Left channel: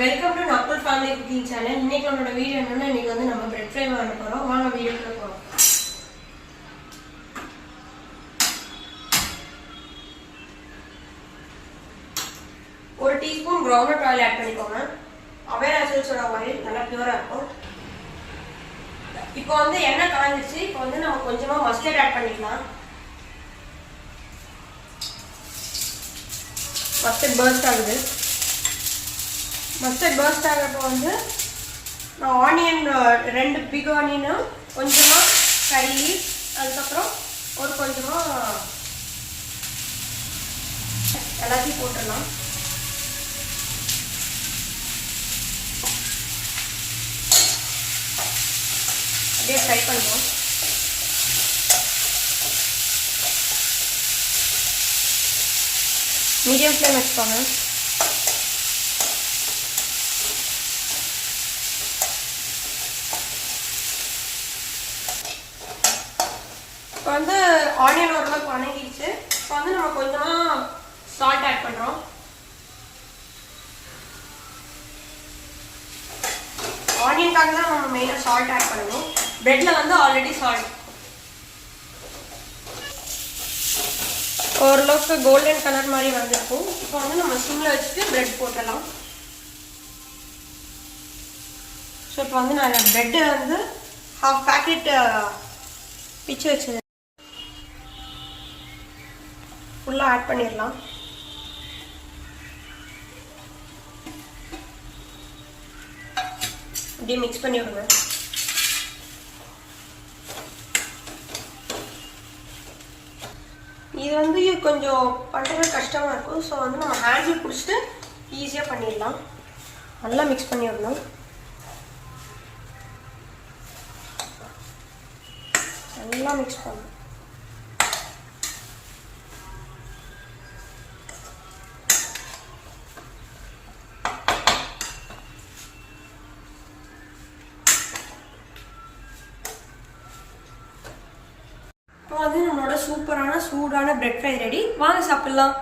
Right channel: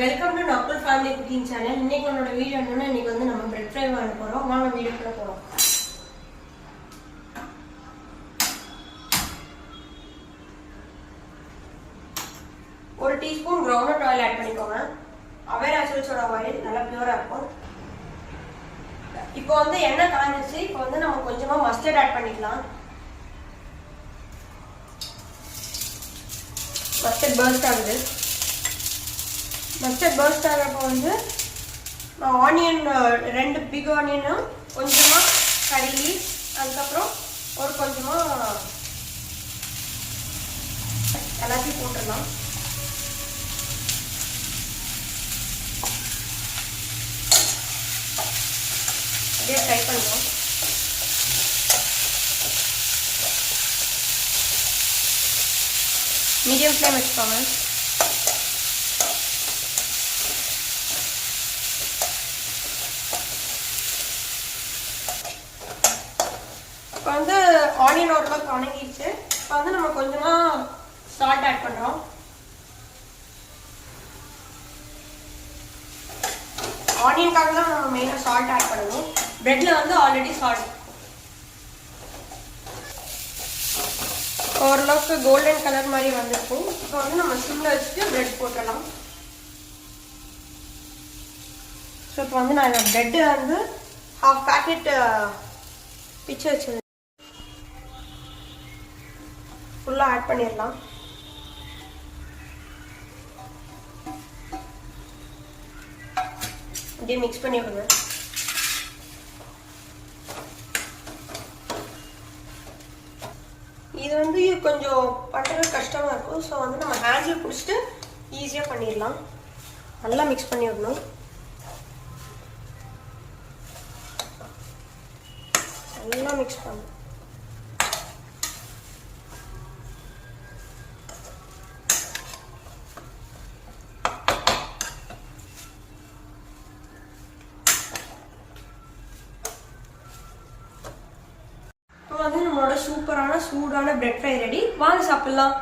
Welcome to Nakul family cooking channel. இன்னைக்கு நம்மளோட video என்னன்னா, இன்னைக்கு வந்து நம்ம பிரெட் ஃப்ரை பண்ண போறோம். வாங்க வீடியோக்குள்ள போறோம். ஒரு டீஸ்பூன் கிரவுண்ட்நட் ஆயில் ஆட் பண்ணிக்கோங்க. அவேர் ஆசிட்ஸோட ஆயில் நல்லா பியூரா இருக்கும். இப்போ வந்து எண்ணெய் காஞ்சிச்சு. இப்போ வந்து நம்ம கொஞ்சமா மஸ்டர்ட் ஆட் பண்ணிக்கலாம். மஸ்டர்ட் பர்ஸ்ட் ஆகுது. மஸ்டர்ட் பர்ஸ்ட் ஆகிறப்போ வந்து நான் ஆனியன் 2 பிக் ஆனியனும் கொஞ்சமாக கறி லீவ்ஸ், அதுக்கப்புறம் ஒரு கொஞ்சமாக எல்லாத்தையும் போட்டுடலாம். அப்படியே ஃப்ரை பண்ணுவோம். மீடியம் ஃப்ளேம் வச்சுக்கோங்க. இப்போ வந்து ஆனியன் ஓரளவுக்கு வணங்கிடுச்சு. இப்போ வந்து நம்ம கொஞ்சமாக சால்ட் ஆட் பண்ணுறோம். ஆனியனுக்காக தான் நம்ம மெயினாக சால்ட் ஆட் பண்ணணும். பிரெட்டில் வந்து ஆல்ரெடி சால்ட். ஓரளவுக்கு கோல்டன் கலர் மாதிரி வந்துருக்கும். இப்போ வந்து நம்ம சிம்மில் வச்சுட்டு பிரெட் போட்டுடலாம். ஸோ இப்போ வந்து நான் பிரெட்டு வந்து ஹாஃப் பேக்கெட் பிச்சு வச்சது ஃபுல்லாக ஆட் பண்ணிடலாம். அப்படியே மிக்ஸ் பண்ணி விடுங்க. இது வந்து கொஞ்சம் பண்ணுறது கஷ்டமாக இருக்கும். ஸோ வந்து நம்ம ஹேண்டில் பிடிச்சிட்டு ஈஸியாக பண்ணிடலாம். நல்லா மிக்ஸ் பண்ணி விடணும். நல்லா மிக்ஸ் பண்ணணும். இப்போ வந்து நம்மளோட சூப்பரான சூடான பிரெட் ஃப்ரை ரெடி. வாங்க சாப்பிடலாம்.